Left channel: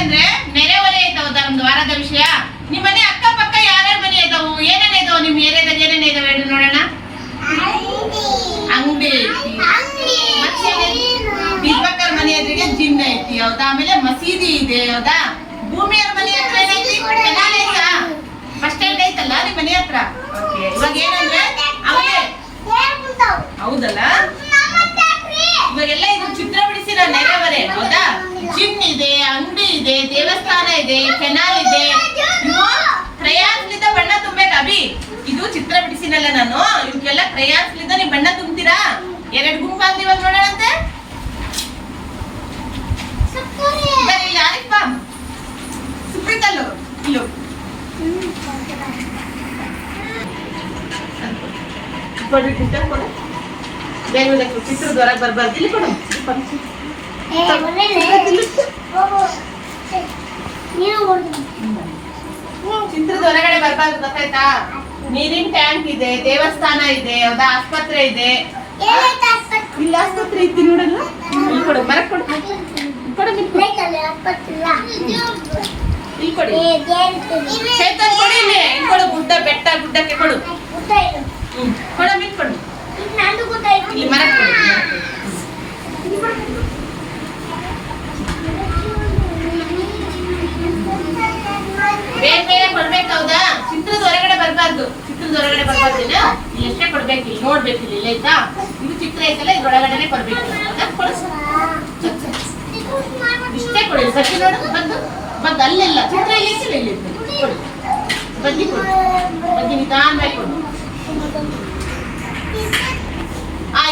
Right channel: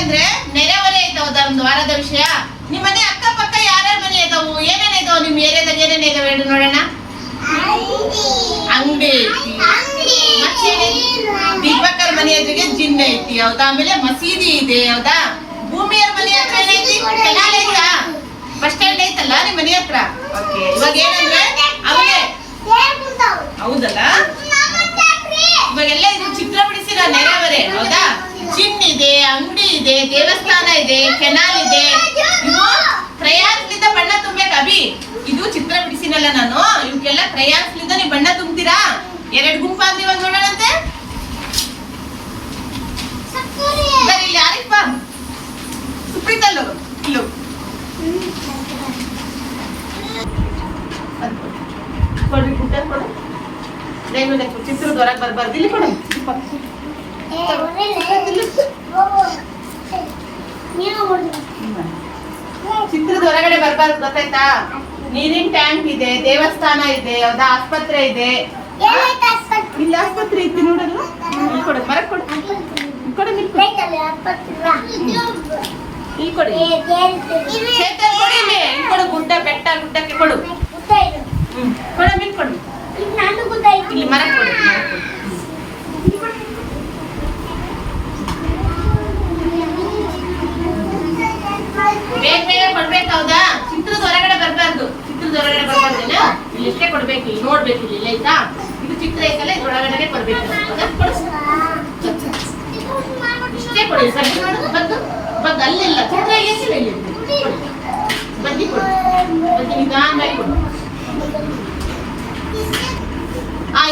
ಏನಂದ್ರೆ ನೆರೆಹೊರೆ ಐತವ ಒಂದು ವಾರದ ವಿಷಯ. ನಿಮ್ಮ ಮನೆ ಅಕ್ಕಪಕ್ಕ ಯಾರ್ಯಾರ ಮನೆ ಇದಾವು, ಏನೇನ ಇದಾವ ನಿಮ್ಮ ಏರಿಯಾದಾಗ, ಏನೇನ ಇದಾವೆ ಹೇಳಿ ನೋಡೋಣ. ಅಂಗಡಿ ಐತಿ, ದೀಪಕ್ಕರ್ ಮನೆ ಎದುರಿಗೆ ಜಿಮ್ ಐತಿ ಹೌದಾ, ಆಮೇಲೆ ಮಸೀದಿ ಇದೆ ಹೌದಾ, ಭೂಮಿಯವ್ರ ಮನೆ ಹತ್ರ ಏನೈತಿ, ಕೆನಾಲ್ ಐತಾ, ಬಸ್ ಸ್ಟ್ಯಾಂಡ್ ಐತಲ್ಲ ನಿಮ್ ಮನೆ ಹತ್ರ. ಓಕೆ, ಇವಾಗ ಏನಂದ್ರೆ ಆಮೇಲೆ ಹೌದಲ್ಲ, ಇವಾಗೆಲ್ಲ ಇದು ಚಿತ್ರ ಬಿಡಿಸಿರೋ ನೆರೆಹೊರೆ ಹೌದಾ. ಜಿಮ್ ಇದೆ, ಅಂಗಡಿ ಇದೆ, ದೇವಸ್ಥಾನ ಇದೆ, ಕೆನಾಲ್ ಇದೆ. ಇವು ಕ್ರಯಾನ್ಸ್ಲಿಂದ ಬಣ್ಣ ತುಂಬೇಕು ಅಭಿ. ಇದು ಚಿತ್ರ ಬಿಡಿಸಿನಲ್ಲ ನಾನು, ಇವಕ್ಕೆಲ್ಲ ಕ್ರಯಾನ್ಸ್ಲಿಂದ ನೀವು ಬಣ್ಣ ತುಂಬ್ತೀರಾ. 2 ಗುಂಪಾಗ್ಲಿ ಇವಾಗ ನೋಡೋಣಂತೆ. ಇಲ್ಲಿ ಯಾರಿಪ್ಪ ಸುಪ್ರೀತಲ್ಲು ಇಲ್ಲು ಕೊಡ್ರಿ, ಕೊಡು ಚಿತ್ರದ ಹೊರಗೆ ಬರ್ಬಾರ್ದು. ಇಲ್ಲಿ ಕೊಡು, ಚಿತ್ರದ ಹೊರಗಡೆ ಬರ್ಬಾರ್ದು ಗೊತ್ತಾಯ್ತಾ. ನೀರಿನ ಟ್ಯಾಂಕ್ ಇದೆ, ದೇವಸ್ಥಾನ ಇದೆ ಹೌದಾ, ಆಸ್ಪತ್ರೆ ಇದೆ. ಇಲ್ಲ ಆಸ್ಪತ್ರೆ ಐತಿ ನೋಡಲ್ಲ. ಇಲ್ಲಿ ಕೊಡು, ಮರ ಕೊಡು, ಕೊಡು, ಇಲ್ಲಿ ಕೊಡಿ, ಚೇತನ್ ಕೊಡಿ, ಇಲ್ಲಿ ಕೊಡು, ಗುಡ್ಡ ಬೆಟ್ಟ ಗುಡ್ಡಕ್ಕೆ ಕೊಡು, ಕೊಡ ಮೀನ್ ಕೊಡು, ಇಲ್ಲಿ ಮರ ಕೊಡು, ಬೇಗ ಬೇಗ ಕೊಡ್ಬೇಕು ಹೌದಾ. ಚಿತ್ರದ ಹೊರಗಡೆ ಬರ್ಬಾರ್ದು, ಚಿತ್ರದ ಹೊರಗಡೆ ಬರ್ಬಾರ್ದಿಲ್ಲ, ಇಲ್ಲಿ ಎಷ್ಟೇ ಕೊಡ್ಬೇಕು, ಇಲ್ಲಿ ನೋಡ್ಬೇಕು, ಇಲ್ಲಿ ಆಯ್ತಾ. ಇದು ಚಿತ್ರ ಐತಲ್ಲ, ಇದ್ರೊಳಗಡೆ ಕೊಡ್ಬೇಕು ಹೌದಾ. ಕೊಡು, ಇಷ್ಟೇ ಕೊಡಿ, ಸಜ್ಜಿ ನೋಡು, ಬಂದು ಬಂದು ಅಲ್ಲೆಲ್ಲ ಚಿತ್ರ ಎಷ್ಟಿಲ್ಲ, ಇಲ್ಲಿ ಕೊಡಿ, ಬದ್ದಿ ಕೊಡು, ಬದ್ದಿ ನಿಧಾನವಾಗಿ ಕೊಡು.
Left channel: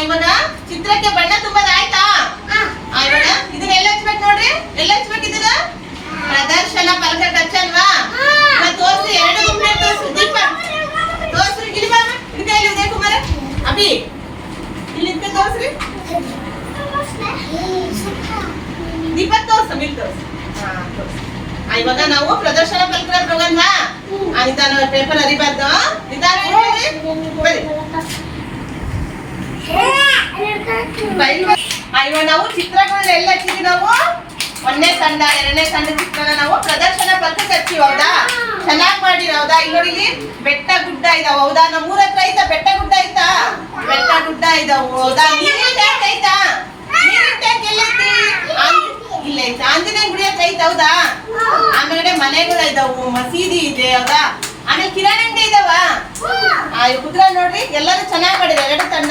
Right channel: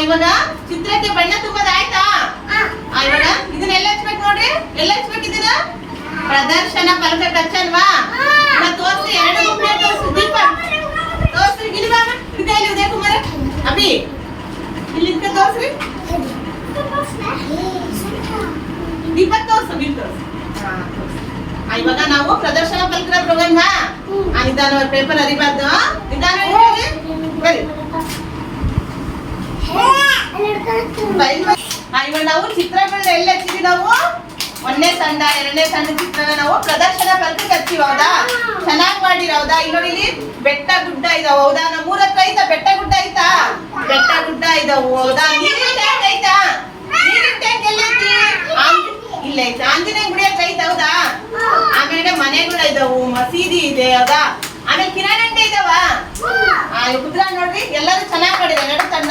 ಇವಾಗ ಚಿತ್ರಕ್ಕೆ ಬಣ್ಣ ತುಂಬೋದು ಆಯ್ತಾ. ಇವಾಗ ಇದನ್ನೆಲ್ಲ ಹಚ್ಬೇಕು ನೋಡ್ರಿ, ಎಲ್ಲ ಹಚ್ಬೇಕು ಇದನ್ನ. ಪ್ರದರ್ಶನ ಫಲಕ ಹಚ್ಚಲ್ವಾ, ತೋರ್ಸಿ, 2 ಗುಂಪೆ ತೋರ್ಸು. ದೀಪ ತೋರ್ಸ್ರಿ, ಇಲ್ಲಿ ಬಾ, ಇದೆ ಇಲ್ಲಿ ಉದಯ ಕುಮಾರ ಅಭಿ, ಇಲ್ಲಿ ತೋರ್ಸ್ರಿ. ದೀಪ ತೋರ್ಸು, ಬಿಲ್ ತೋರ್ಸು. ಇವಾಗ ನಾವು ಪ್ರದರ್ಶನ ಫಲಕದ ಪ್ರೋಗ್ರಾಮ್ ನಿಧಾನ, ಪೇಪರ್ ಅರಿಬಾರ್ದು, ನಿಧಾನ ಬರೀ. ಇವಾಗ ನಾವು ಚಿತ್ರಗಳನ್ನ ಎಲ್ಲ ಹಚ್ಚಿದ್ವಿ. ನಾವು 1ನೇ ತಂಡ 2ನೇ ತಂಡ ಚಿತ್ರನ ನಾವು ಪ್ರದರ್ಶನ ಫಲಕಕ್ಕೆ ಹಚ್ಚಿವಿ ಹೌದಾ. ಚೆನ್ನಾಗಿ ಮಾಡಿರ ಹೌದಾ. ಇಲ್ಲಿ ನೋಡಿ, ಇಲ್ಲಿ ಬೆಟ್ಟ ಗುಡ್ಡ ಇದಾವ ಹೌದಾ. ನಮ್ಮ ಊರ ಹತ್ರ ಐತಾ ಬೆಟ್ಟ ಗುಡ್ಡ ಐತಾ, ಬೆಟ್ಟ ಗುಡ್ಡ ಇದಾವು ಹೌದಾ. ನೀರಿನ ಟ್ಯಾಂಕ್ ಐತಾ, ನೀರಿನ ಟ್ಯಾಂಕ್ ಎಲ್ಲೈತಿ, ಇಲ್ಲ ಐತೆ. ಆಂಜನೇಯ ಗುಡಿ ಹತ್ರ ಐತ ಹೌದಾ. ಆಮೇಲೆ ಮನೆಗಳು ಇದಾವು, ಮಸೀದಿ ಇದೆ ಹೌದಾ. ಆಮೇಲೆ ಕಿರಾಣಿ ಅಂಗಡಿ ಇದಾವ. ಕುದ್ರ ನೋಡ್ರಿ, ಎಲ್ಲರೂ ಚೆನ್ನಾಗಿ ಮಾಡಿದ್ರು 2 ತಂಡ.